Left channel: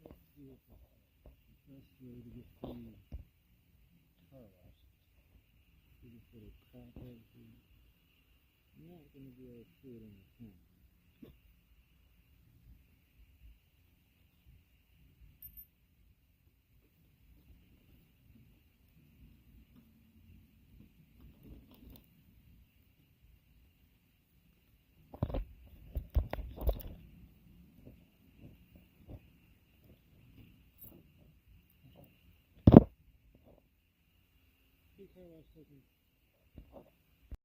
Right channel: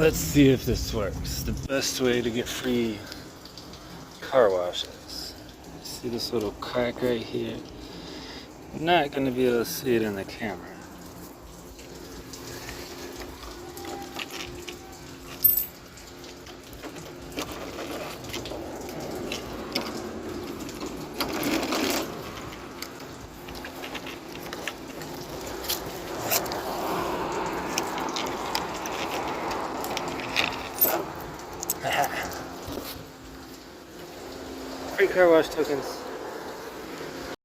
Let's see if this works. The best way to get free car washes. See this little crack right here? I'm not going to be able to see it in the camera. Free car wash tokens.